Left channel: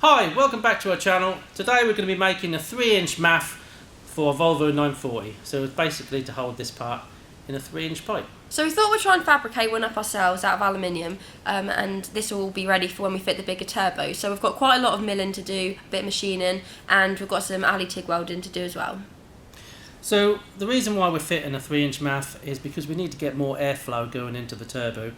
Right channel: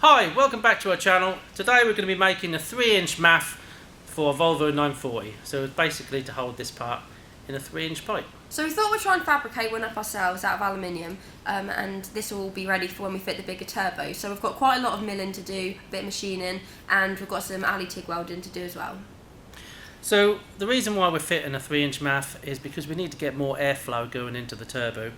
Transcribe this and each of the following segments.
Hi, welcome back to our channel. Today we're going to be making a 3-inch MAF for a Volvo 940. So it's basically to hold this part in a 3-inch pipe. So we thought we'd try and fabricate one up ourselves out of aluminium, and this will be ready for when we fit the bigger turbo. So we've got quite a lot of milling to do, a bit of machining, and we've got some alley TIG welding to do as well. So the reason why we're fitting a 3-inch MAF is because we need to get more airflow going into the turbo.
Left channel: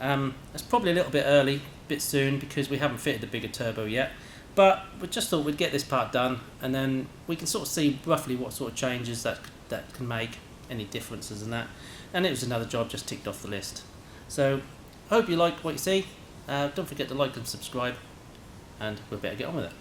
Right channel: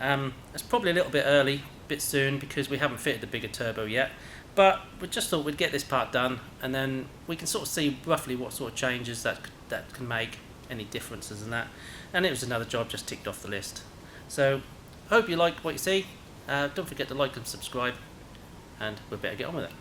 It's probably a little bit early, a bit soon, because we haven't fitted the bigger turbo yet. But we just thought we'd get this part done, and then we can sort of see roughly what sort of changes that can make, any differences in that. And it was another job just ticked off the list. So hope you like what you see. Don't forget to like and subscribe, and we better get on with it.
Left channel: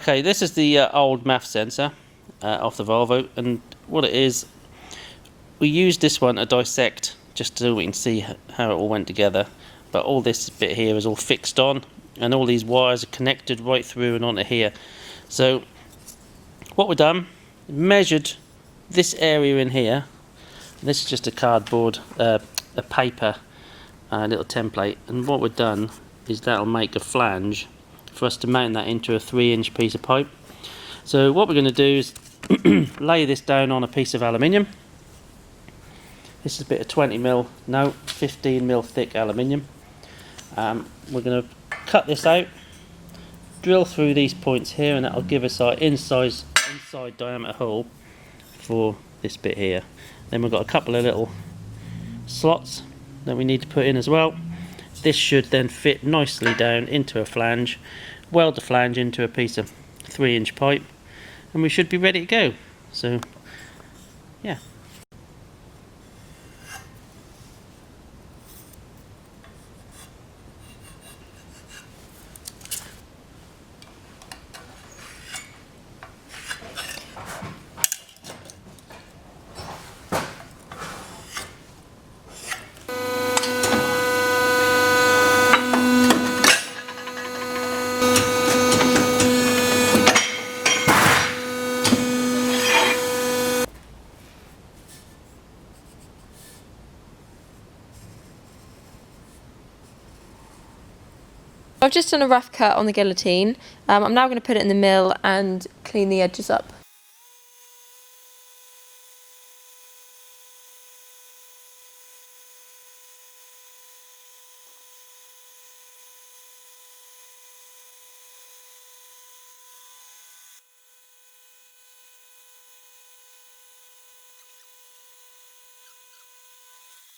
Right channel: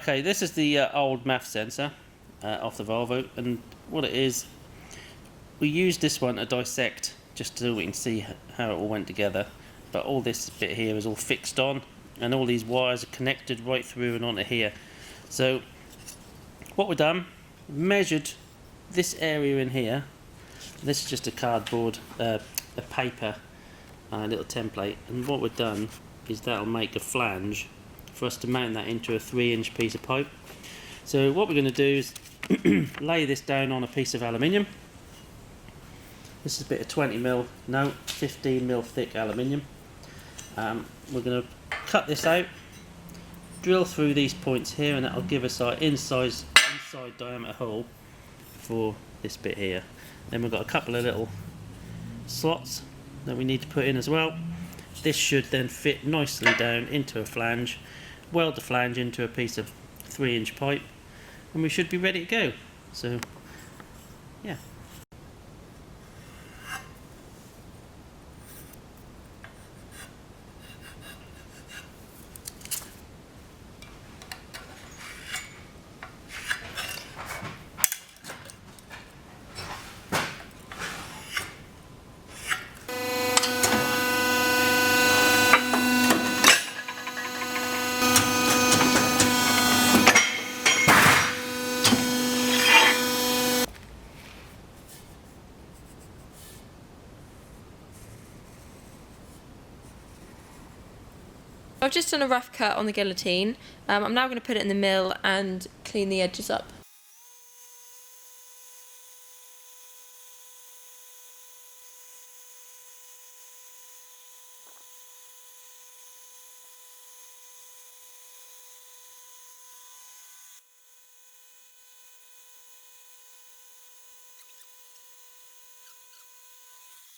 Okay, this is the old MAF sensor off the Volvo, and what it is, we used this one to dissect just so we can see how it all went together. But all this bit here is all fixed on, and all these wires are connected right through and onto here. So what we've done, measured this area in here. This is just a cardboard, a paper little template, and what we've done is that'll make a flange for us to mount that into a 3-inch piece of pipe. So what we're going to do is lay this down on a piece of aluminium. This is a bit of 15mm thick aluminium. We're going to cut this out, drill through these points here, and that'll give us our inside diameter hole for this bit here. Then we've got a couple of little slots that we need to put in as well. This should then fit nicely down into a flange, weld the flange into a piece of 3-inch pipe, and we should be ready to go. So yeah. I've just done a rough cut on the guillotine. I'm now going to put it in the mill and clean the edges up.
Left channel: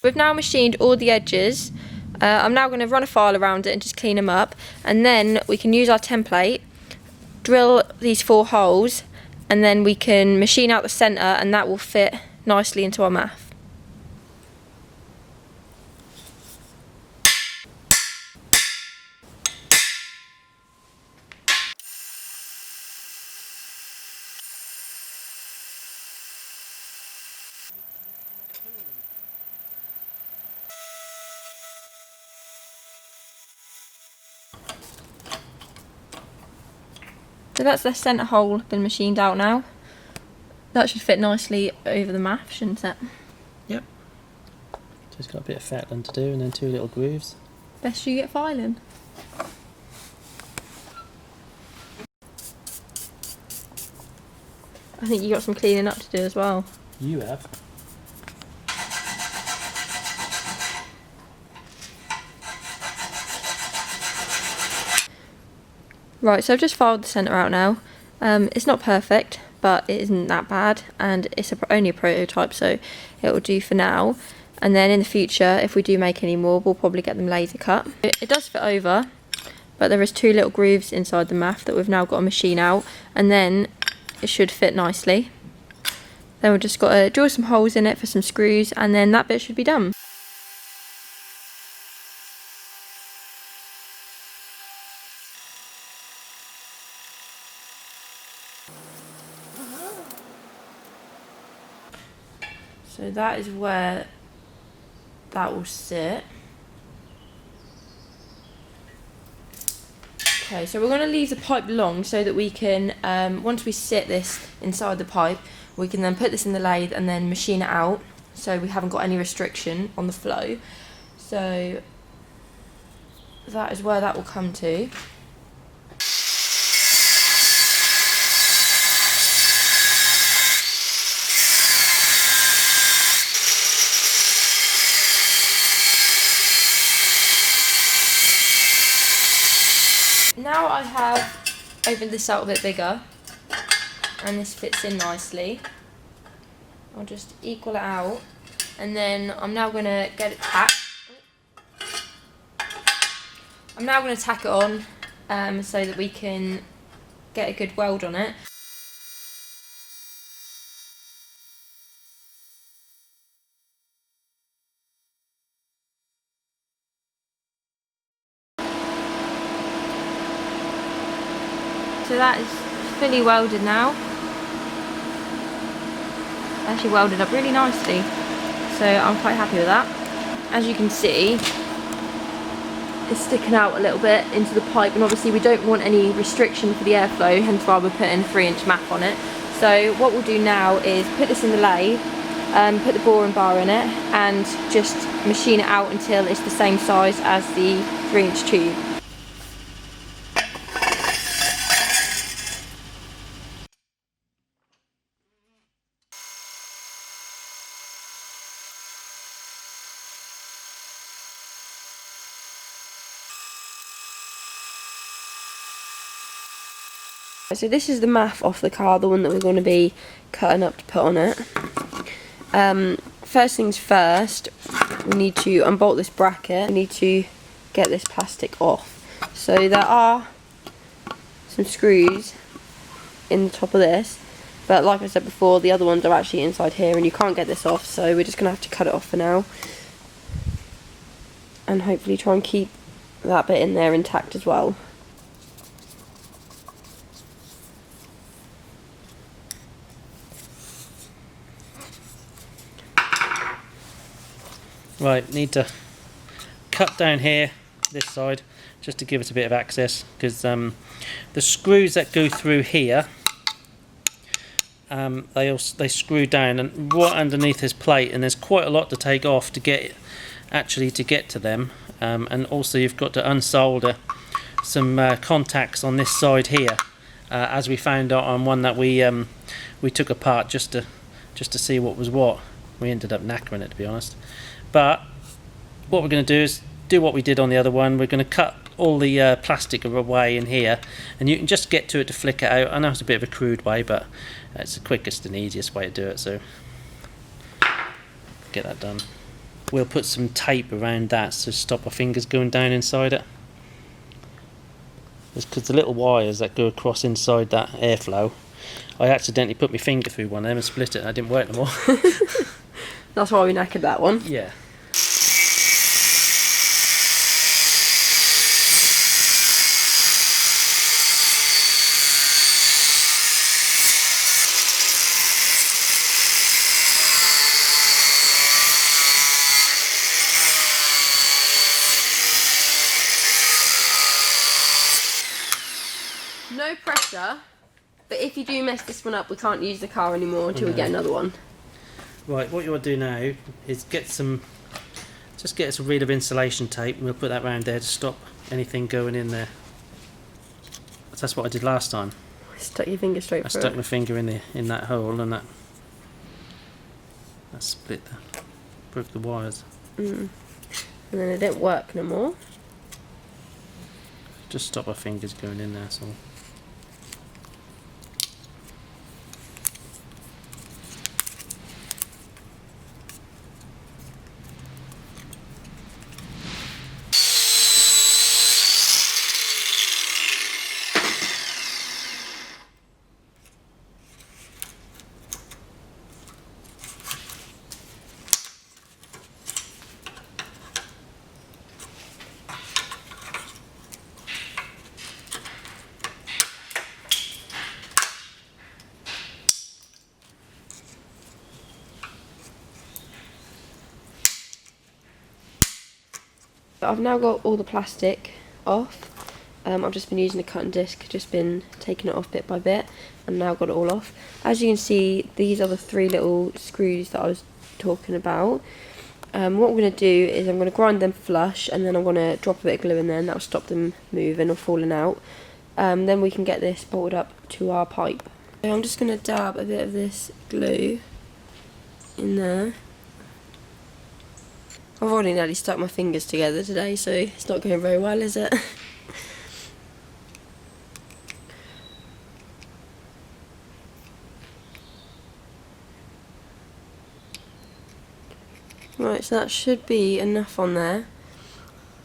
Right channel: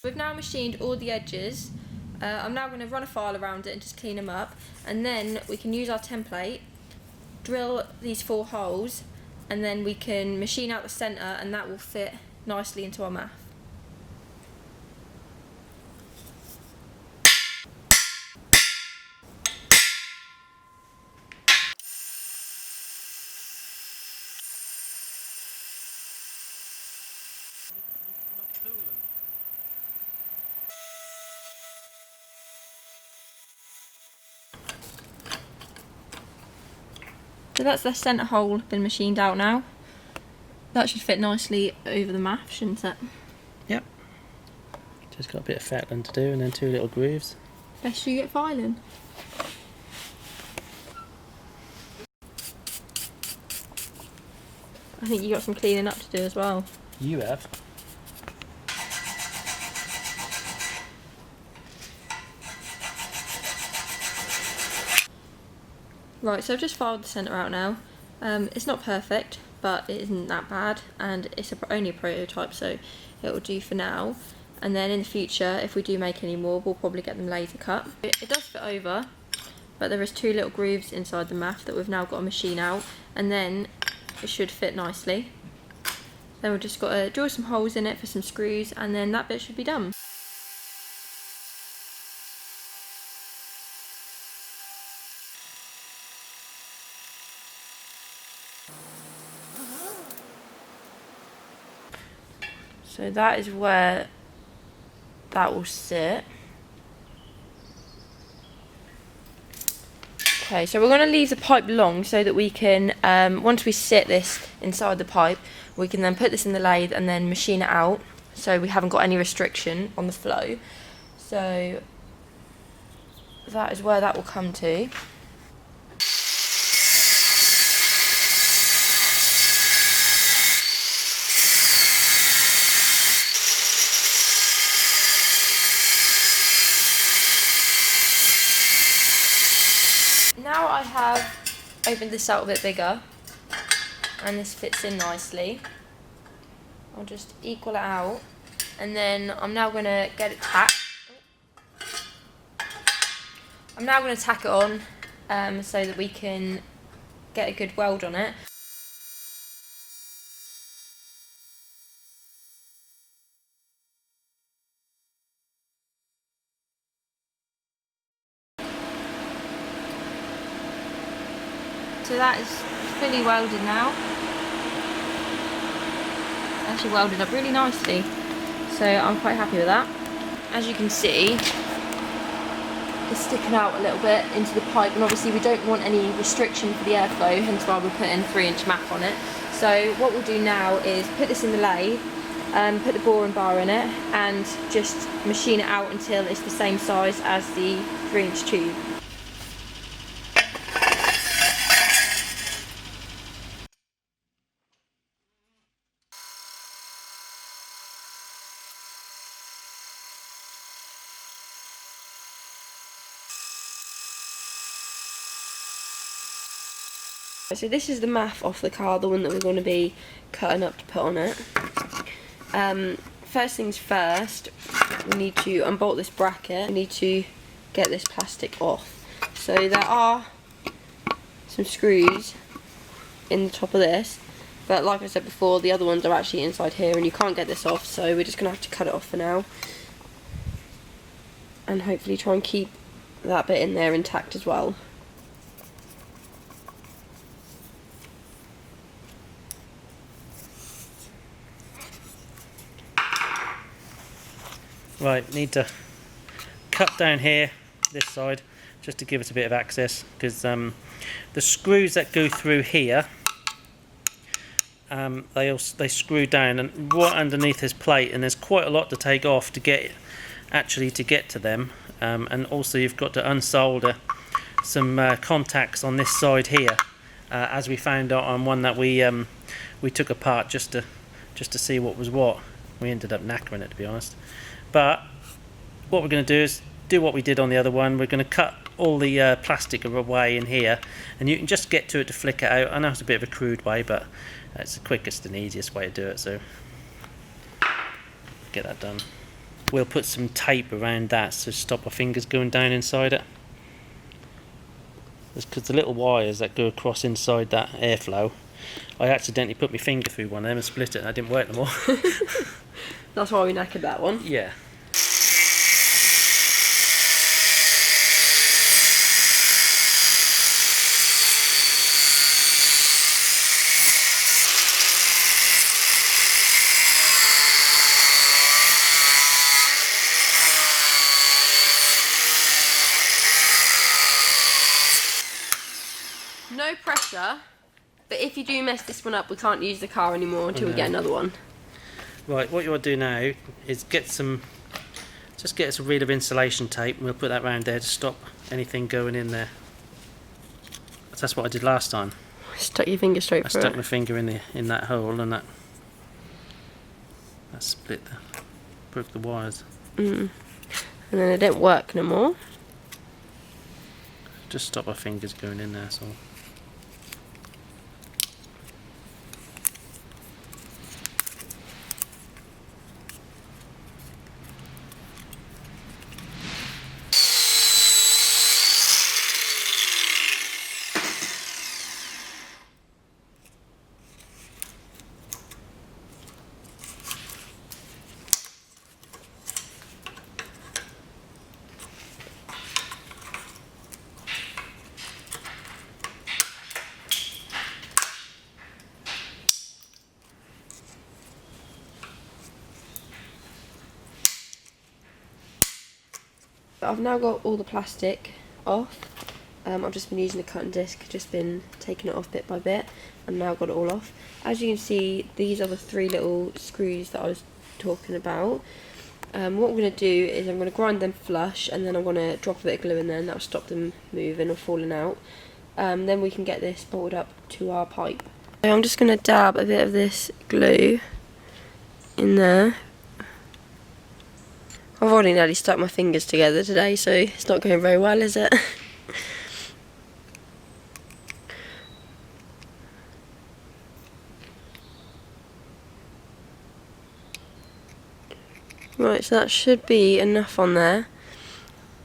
We've now machined all the edges. I'm now going to run a file around it and just clean them up, and then we can use our template, drill these 4 holes, and then we can machine out the centre, and that will fit nicely into our MAF. So that's the centre hole been machined out now. That should fit nicely over the MAF, shouldn't it? Yep. Just got a bit of fettling to do, and then 2 little grooves. Best you get filing. I think you got some cleaning up to do as well. You have. Right, so I've just filed the centre out now. It's not perfect, but it isn't that bad, and it's only a prototype, so it will do for now. And then in the future, if we do make any more, we'll probably get them laser cut. It does fit over, but there is 2 little grooves inside the MAF that we've now got to machine out, and then it should fit nicely. Then we've just got to drill some holes in it for some screws, and then that bit should be done. So that is where that will sit. Okay, so we're going to leave the pipe long so that we can, once we sit this inside the pipe, we can then put this in the lathe and then machine it out, so we haven't got any restriction on the flow. So that is where that will come to. now I have opened this out a bit bigger and this fits in nicely, I'll just equal it out, and then I'm now going to get it tacked. I'm now going to tack it on so that we can get a good weld on it. So that is fully welded now. Actually welded up really nicely, so I'm quite happy with that. As you can see, it's sticking out a little bit into the pipe, and obviously we don't want any restriction for the airflow, hence why we're putting 3-inch math on it. So what we'll do now is put this in the lathe, put the boring bar in it, and just machine it out until it's the same size as the 3-inch tube. So this is the math off the car, the one that we're going to be cutting up to put on it. First things first, we need to unbolt this bracket. We need to get this plastic off. So there are some screws in the top of this, but like I said before, the other ones are actually inside here and you can't get this off, so we're just going to have to cut it off for now. And hopefully try and keep that bit in there intact as well. Right, need to cut down here, this side, just to give us a bit of access, because the screws that go through here, they screw down and right underneath this plate, and there's quite a lot to take off to get to them, and also you've got to unsolder some contacts on this side here, as we found out on one that we took apart just to see what was what. We ended up knackering it, to be honest. But what we're going to do is do what we did on the other one. We're going to cut all the plastic away in here, and you can just get to it to flick it out. I know it's a bit of a crude way, but it's the quickest and easiest way to do it, so get that done. We'll put some tape around that to stop our fingers going down inside it. It's because the little wires that go across inside that airflow, I accidentally put my finger through one of them and split it, and I didn't work no more. That's why we knackered that one. Yeah. No pressure, but if you do mess this one up, we can't use the car anymore until we get another one. Right, what you want to do now is get us a reel of insulation tape, and we'll put that round there to stop anything going in there. That's what I did last time. Stuck your finger straight through. I stuck my finger in that hole, and that broke the wires. And then it didn't work no more. Just stop our fingers going in there, so. I've now got all the plastic off. I've just been using a cutting disc, just been taking it off bit by bit, and now got it all off. As you can see, these are the 3 little screws that I was talking about. What I'm going to do is I'm going to grind them flush, and then I'm going to drop a bit of glue in there, and that will stop them moving or falling out. Then we can get this bolted up to our pipe. So I'm just going to dab a bit of this glue in there. I've already nearly stuck my fingers together today, so it's not going very well, is it? Right, so that should be enough on there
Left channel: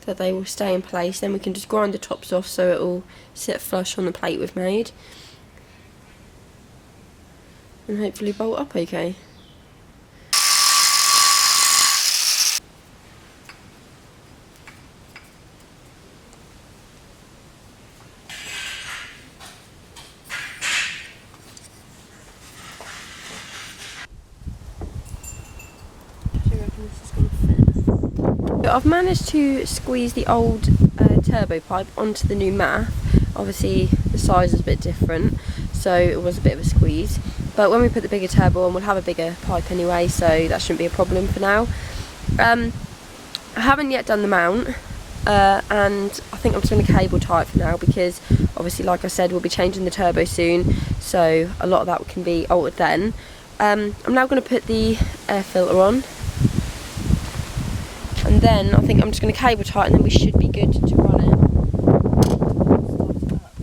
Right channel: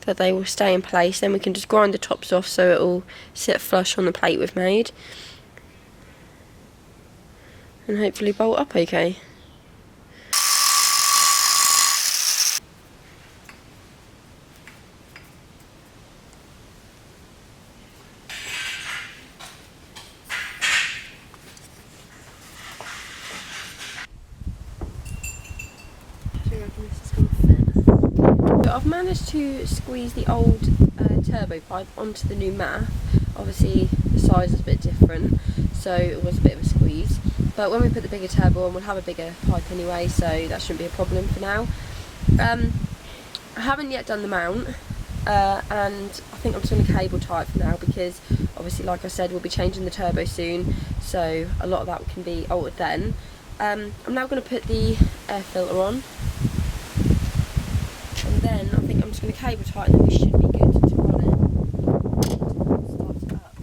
that they will stay in place. Then we can just grind the tops off so it will sit flush on the plate we've made. And hopefully bolt up okay. Do you reckon this is going to fit? So I've managed to squeeze the old turbo pipe onto the new MAF. Obviously the size is a bit different, so it was a bit of a squeeze. But when we put the bigger turbo on, we'll have a bigger pipe anyway, so that shouldn't be a problem for now. I haven't yet done the mount, and I think I'm just going to cable tie it for now because obviously, like I said, we'll be changing the turbo soon, so a lot of that can be altered then. I'm now going to put the air filter on, and then I think I'm just going to cable tie it, and then we should be good to run it. Start it up.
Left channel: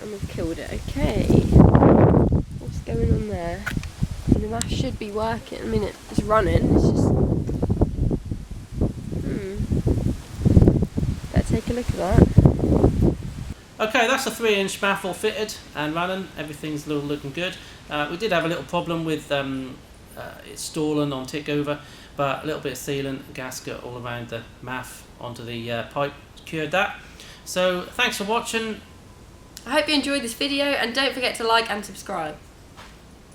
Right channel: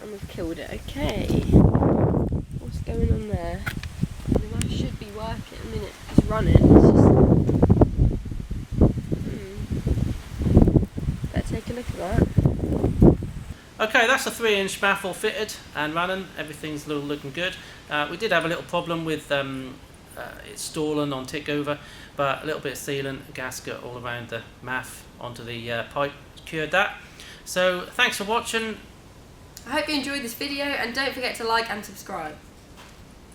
And we've killed it. Okay, what's going on there? I mean, that should be working. I mean, it's running. It's just... Better take a look at that. Okay, that's a 3-inch MAF all fitted and running. Everything's looking good. We did have a little problem with it stalling on tick over, but a little bit of sealant, gasket all around the MAF onto the pipe cured that. So thanks for watching. I hope you enjoyed this video, and don't forget to like and subscribe.